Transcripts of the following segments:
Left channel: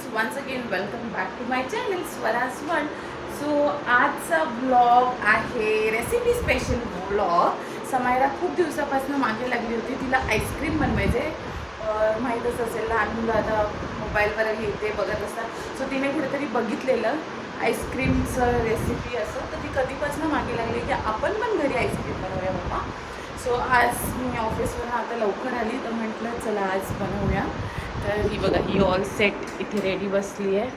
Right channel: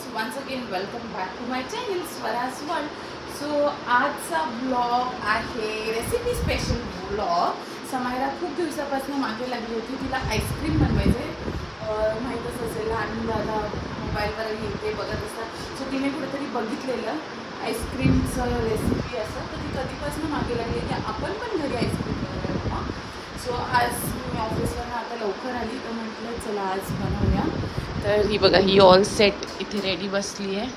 Friends, once again welcome back to my channel Swaraj world. So आजचा blog आहे recipe special blog. Samaira खूप दिवसापासून मागे लागली होती, तिला आईस्क्रीम बनवायचे. माहीतच असेल लहान मुलं आता मोबाईलवर येते बघत असतात. सो तिने कुठेतरी बघितलेलं आईस्क्रीमचं रेसिपी असं, तर ती कधीपासून मागे लागली की आपण पण घरी आईस्क्रीम बनवूया बाबा. सो आज मी ऑफिसवरून आता लवकर आली तर म्हटलं चला आज बनवूया. तर ही बघा, ही ऑल सेट इथे रेडी बसली आहे.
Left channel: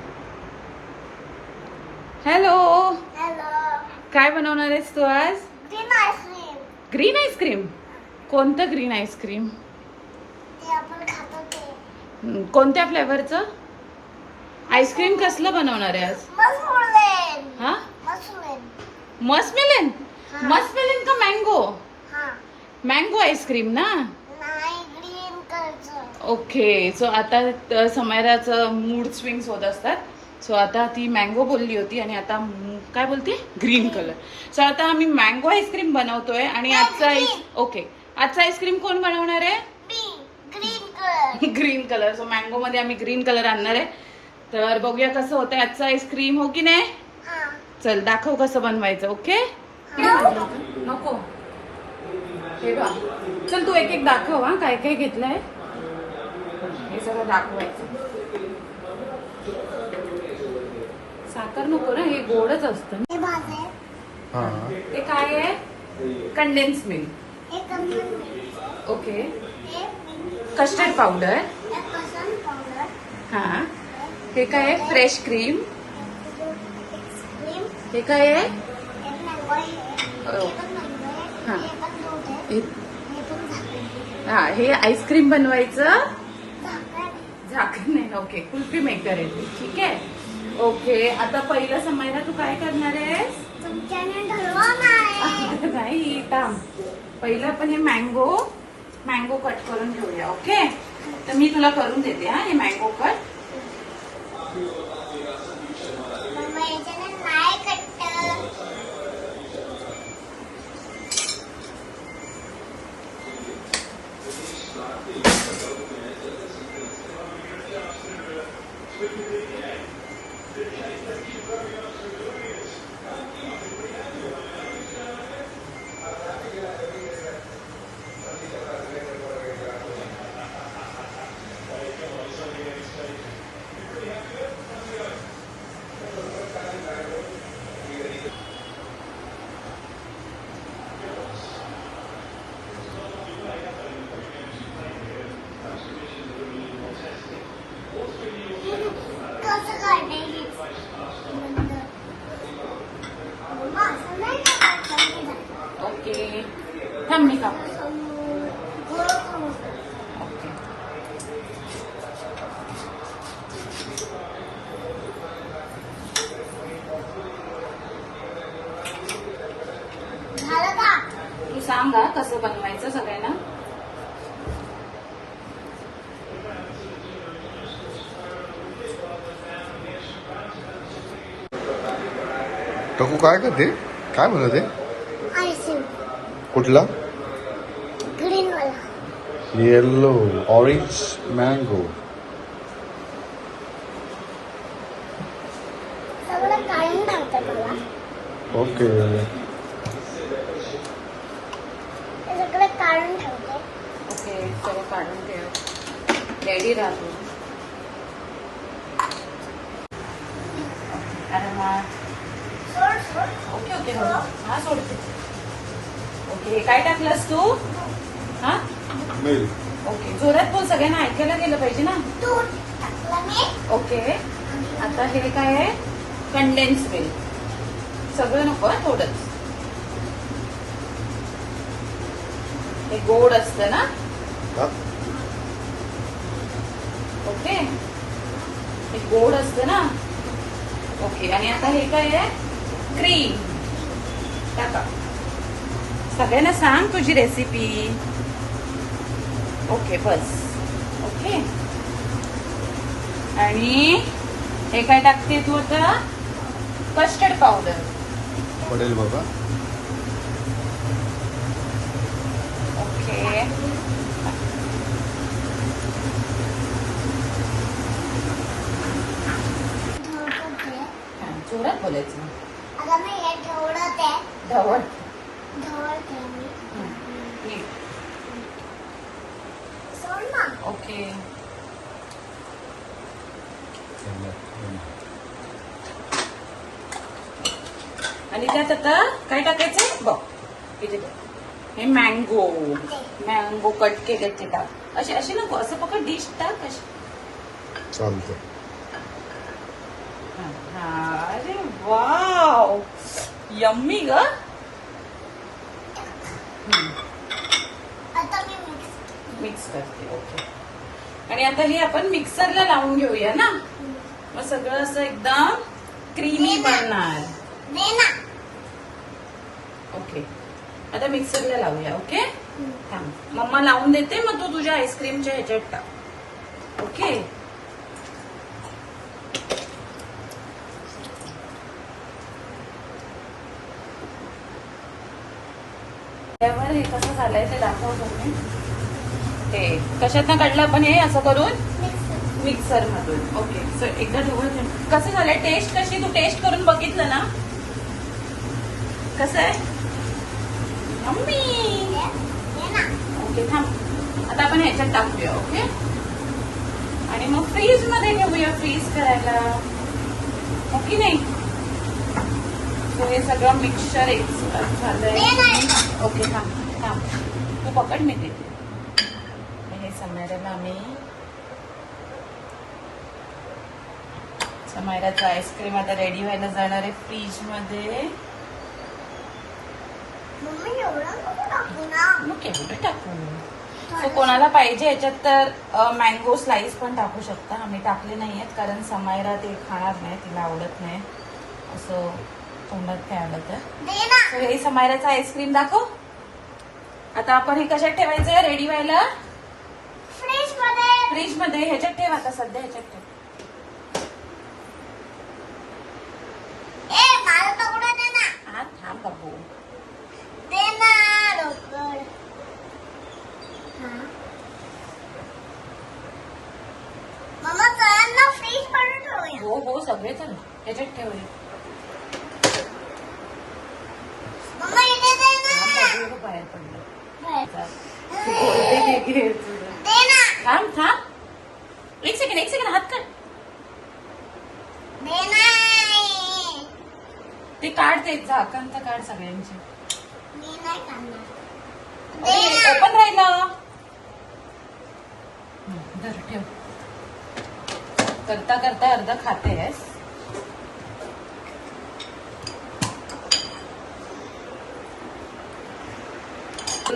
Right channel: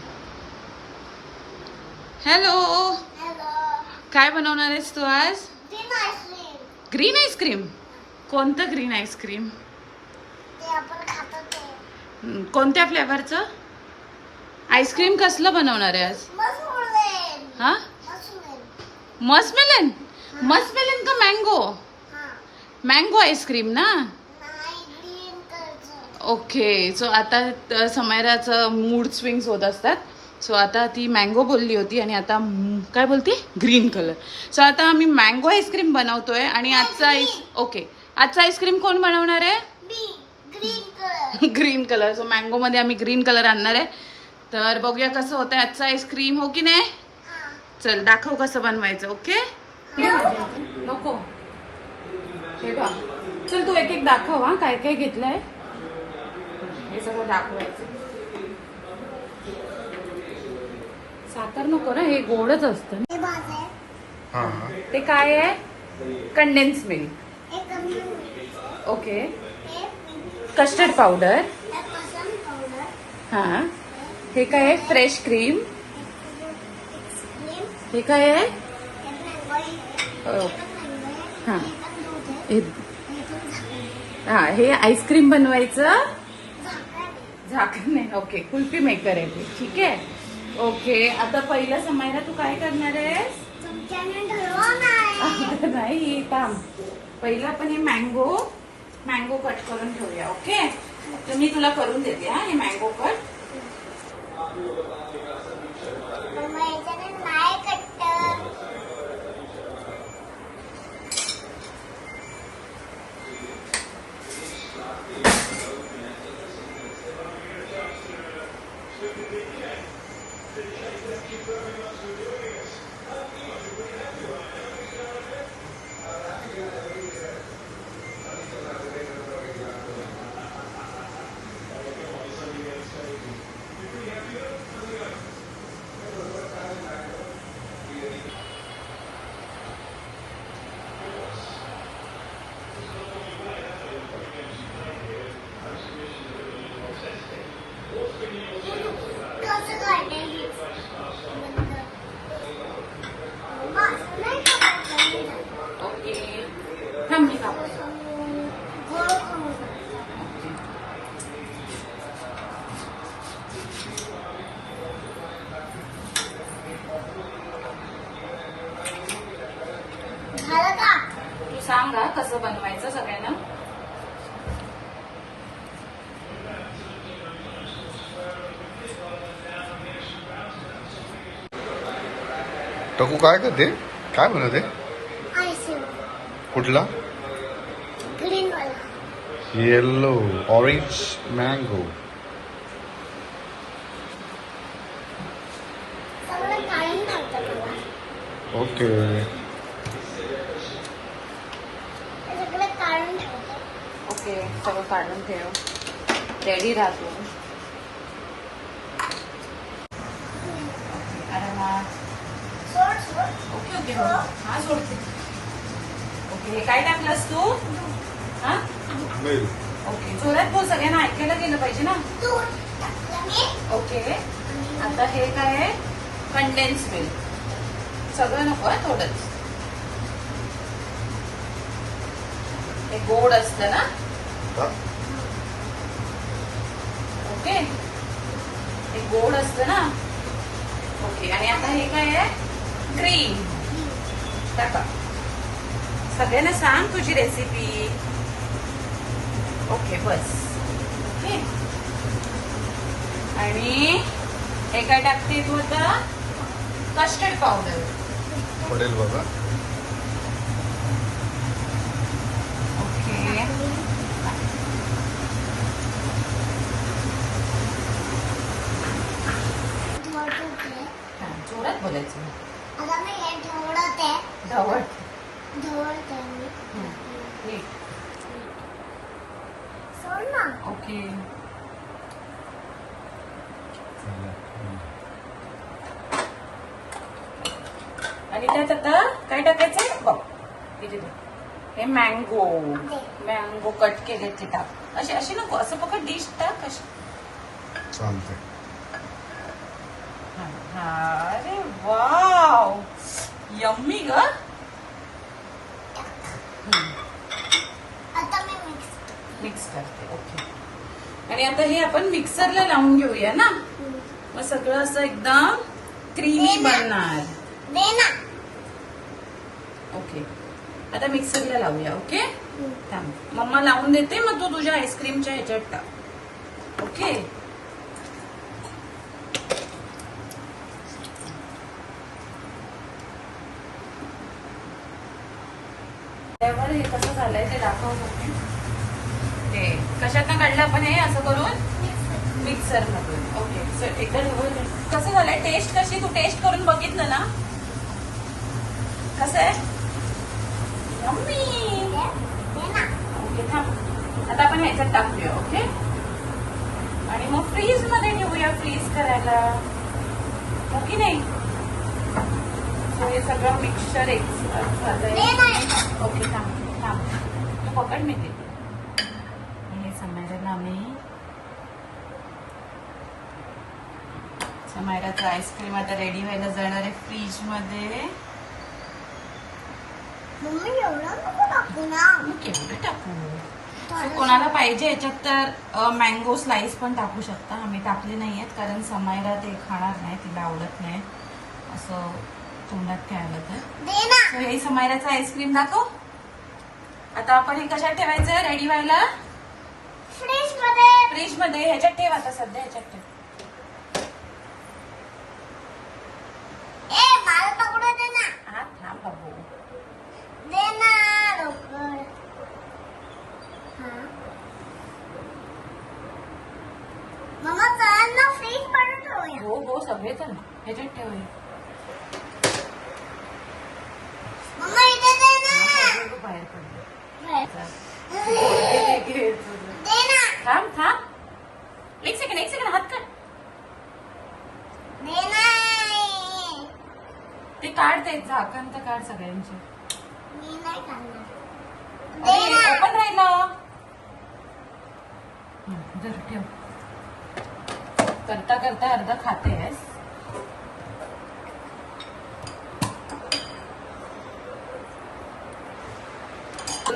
हॅलो, काय बनवणार आहेस तू आज? Green ice cream. कोणतं ग्रीन आईस्क्रीम? कोणत्या फ्लेवरचं आईस्क्रीम? कसलं बनवणार आहे आज? हा, मस्कमेलन. मस्कमेलन का मँगो? मँगो आईस्क्रीम ना. ओके. सो आता समायराचं मूड स्विंग्स होत असतात. सो आता ती मँगो बोलली होती आणि आता काय बोलते? Green colour. सो आता आम्ही मँगो आईस्क्रीम बनवतोय आणि आजचा आजचा आईस्क्रीम कोण बनवणार आहे? Green colour. सो मँगो मध्ये आम्ही ग्रीन कलर आणणार आहे. तर बघूया कसं होतंय आजचं आईस्क्रीम, हो की नाही? चल दाखव कसं बनवायचं. ओके. नको हे बघ, चल तू एक एक दाखव. हा, काय काय घेतलंय हे सगळं दाखवायचं. साखर नको ना, हे गोडच असतं ना. ते काय आहे? Condense milk. Okay. Custard powder. हा. हे काय आहे? Fresh cream. हे काय आहे? हा. हा, हे आईस्क्रीम बनवायचं झाकण नाही. ओके, कुल्फी मेकर आहे. ठीक आहे. ओके. आता पहिला समायला तू काय करणार आहेस? नाही, थांब. पहिलं आपण हे मँगो कट करून ठेवूया. ओके. तर मी तुला करून देते. हा, हे मँगो कट. तू सांगा कसं बनवायचं सगळ्यांना. टकू काय करते? काय बनवते? कुठला? Yellow orange mango. Okay. Ready राहतो. ओके. हा, सोडते. ओके. काय टाकलंस तू? हा, ओके. जोरात तू सगळ्यांना ऐकायला गेलं पाहिजे ना. ओके. आता हे काय आहे? Condense milk. सगळं नको, थोडंच. हे गोड असतं ना. ओके. हे गोड असतं ना. ओके. आणि आता हे काय आहे? क्रीम. टाका. सगळ्यांना सांग तुझी रेसिपी. ओके, बस. ओके. आणि हे काय टाकते तू? आता कस्टर्ड पावडर पडेल बाबा. ओके. खोलायचं. आता मी हे ढवळते. ढवळ. ढवळते मी. ठीक. सोड ना. ओके. आणि त्यात आता काय टाकायचं बघ. इथे बघ. हे मँगो कट केले ते टाक. असे असे नको, असं फक्त डिश टाक असे. चालते. अरे वाव, यम्मी ग. आता मी मिक्स करते. ओके. आणि आता हे आपण मिक्सरला लावून घेऊया ना, मग सगळं असं एकदम क्रीमी बनणार. दे ना. ओके. आता मिक्सरला लावूया. ओके. थांब, मम्मा लावून देते, मग तू तुझ्या आईस्क्रीमच्या ह्याच्यात टाक. ओके. त्यावर हे कसं झालंय ते दाखवतो मी. हे कशातनं काढलं आपण हे असं करून मिक्सर मधून. ओके. सर एकदा ठेवून कसं झालंय टेस्ट कशी, तू टेस्ट करून बघितलं ना कसं आहे. मम्मी. दे ना. ओके थांब, आता आपण ह्याच्यात टाकूया. ओके. आणि मग फ्रीज मध्ये ठेवूया फ्रीज करायला. ओके नाही हे सगळं मिक्सचर एक झालंय. ओके थांब थांब, तू पकड मी देते. हे समायराला आम्ही समायराचं आईस्क्रीम आता रेडी व्हायला जाणार आहे फ्रीज मध्ये. मम्मी एवढं नको टाकू ना. मग केवढं टाकू. So, कोणाला पाहिजे याच्यात तर मँगो स्लाइस पण टाकू शकता. आम्ही टाकले नाहीयेत कारण समायरा ते खाणार नाही, तिला आवडत नाही असं तोंडात खेळायला. तर दे ना. So, हे समायराचं आईस्क्रीम दाखव. आता आपण हे कशात ठेवायचं रेडी व्हायला. फ्रीज मध्ये. फ्रीज मध्ये. ह्याच्यात ठेव आता सध्या, ह्याच्यात ठेव. ए मला तोडू दे ना. हा थांब बाबू. दे ना लवकर. मम्मा चल ना फ्रीज मध्ये ठेवूया. हो हो सगळे कर ह्याच्यात ठेवूया. मम्मा इथे दे ना. सगळे बाहेर पडले. दे ना. थांब थांब, एक सेकंड हात काढ. दे ना. ते काढ, ते झाकण तर काढ सगळ्यांची. मी नाही काढणार. ओपन राहिलं. धर ठेव. करता करता अर्ध खातेस.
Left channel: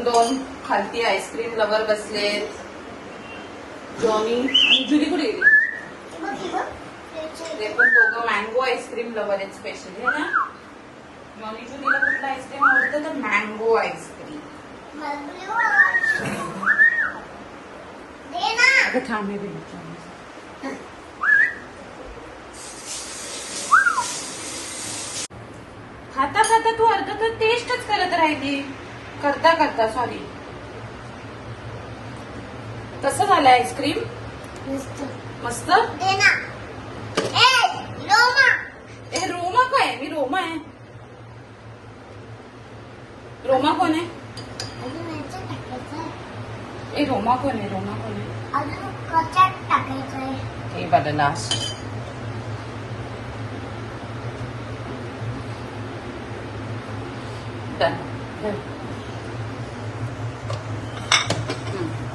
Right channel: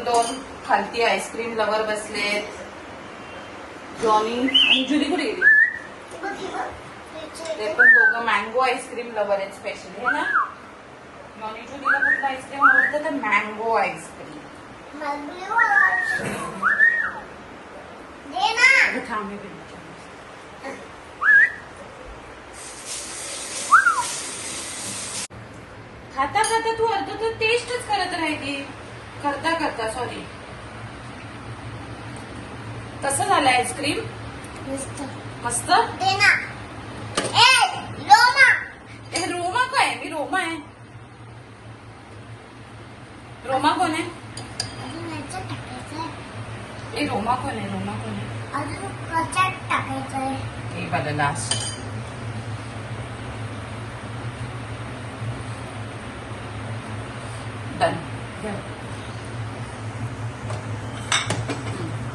दोन खालती आईस्क्रीम लवर बसलेत. जॉनी आणि जुली कुठे गेली. ते पण दोघं मँगो आईस्क्रीम लवर आहेत स्पेशली है ना. जॉनी जुलीला कुठलं आईस्क्रीम आवडतं तर मँगो आईस्क्रीम. दे ना. अगं थांब मी विचारते. खाता खाता तू अर्ध तर टेस्टच करत राहिली. करता करता सॉरी. कसं झालं आईस्क्रीम. मस्त. दे ना. ए रोमा. ए रोमा काय. मी रोमा आहे. रोमा कोण आहे. अजून याच्यात टाकायचंय. ए रोमा कोण आहे. रोमा कोण आहे. अजून कशात टाकायचंय. हे बघा लास्ट. डन.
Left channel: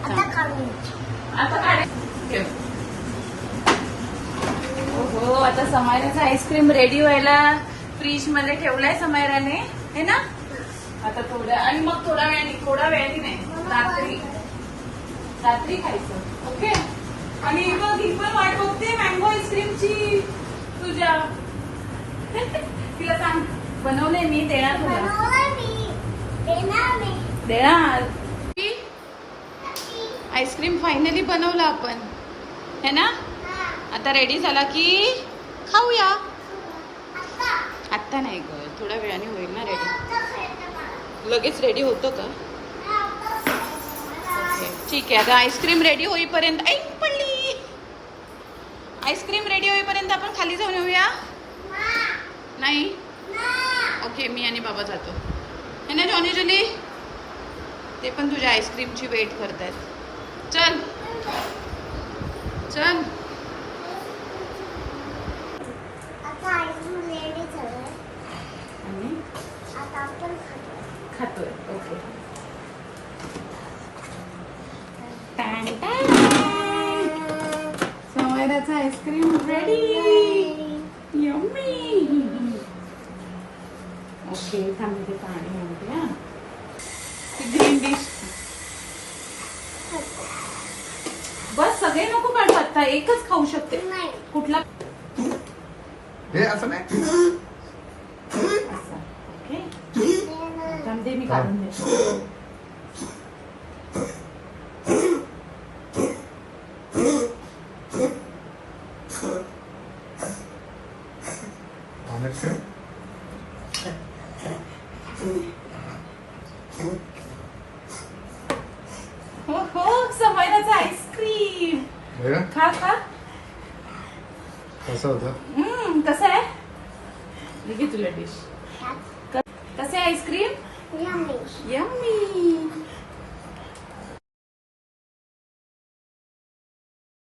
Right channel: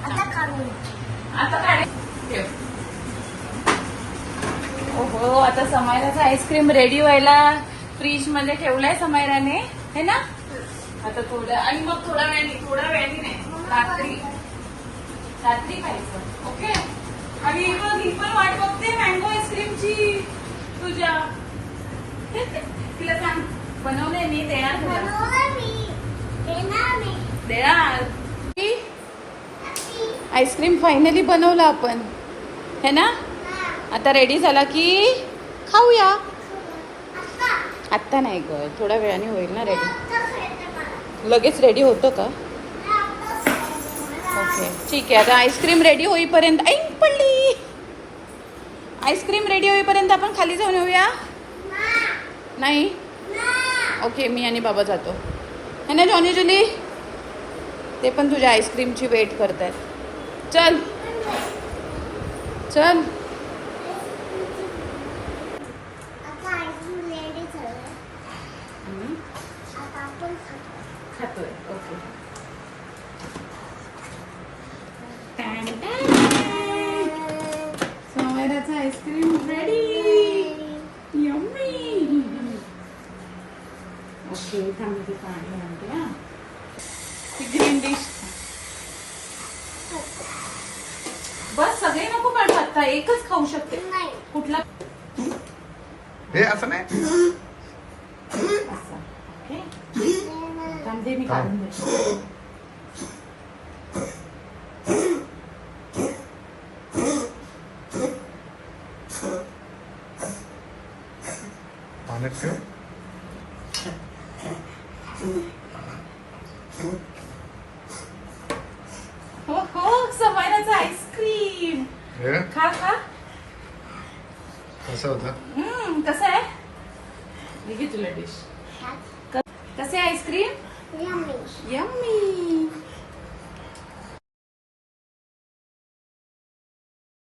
आता खाऊन. आता काय ठेव. ओहो आता समायराचा आईस्क्रीम रेडी व्हायला फ्रीज मध्ये ठेवलाय समायराने है ना. आता थोडं आणि मग थोड्या वेळाने नाही रात्री खायचं. ओके. आणि ही पण वाट बघते मँगो आईस्क्रीमची तुझ्या. तिला सांग बनवलंय मी, देणार तुला. बनवलंय मी. देणार मी. देणार. आईस्क्रीम फायनली बनवलं आपण है ना. आता रेडी झाला की खाऊया. आत्ता नाही ग, थोड्या वेळाने होईल ना रेडी. लगेच रेडी होतं का. ओके ठीक आहे. आता आईस्क्रीम रेडी होईपर्यंत ऐक पडली. आईस्क्रीम रेडी होईपर्यंत आपण खाली जाऊन येऊया. नाही ओके मी आणि बाबा जातो है ना जॉनी जुली ते पण तुझ्या आईस्क्रीमची वेट करतायत चल चल आता आईस्क्रीम रेडी झालं. आणि आता आपण खातो. खातोय ओके सोमवाराचा आईस्क्रीम रेडी यम्मी ओके थांब मी ते पाणी आणते हा ती ग्रीन डिश बस सगळे नको पाठवू आता एकच खाऊ शकते नाही. कुठला हे असं नाही असा ओके थांब दे मी काढून देते पाण्यात ठेव हो हो समयराचा आईस्क्रीम हे खा खा कसं होतं कसं आहे हे घे तुला डिश ह्यात कसं आहे आईस्क्रीम yummy. यम्मी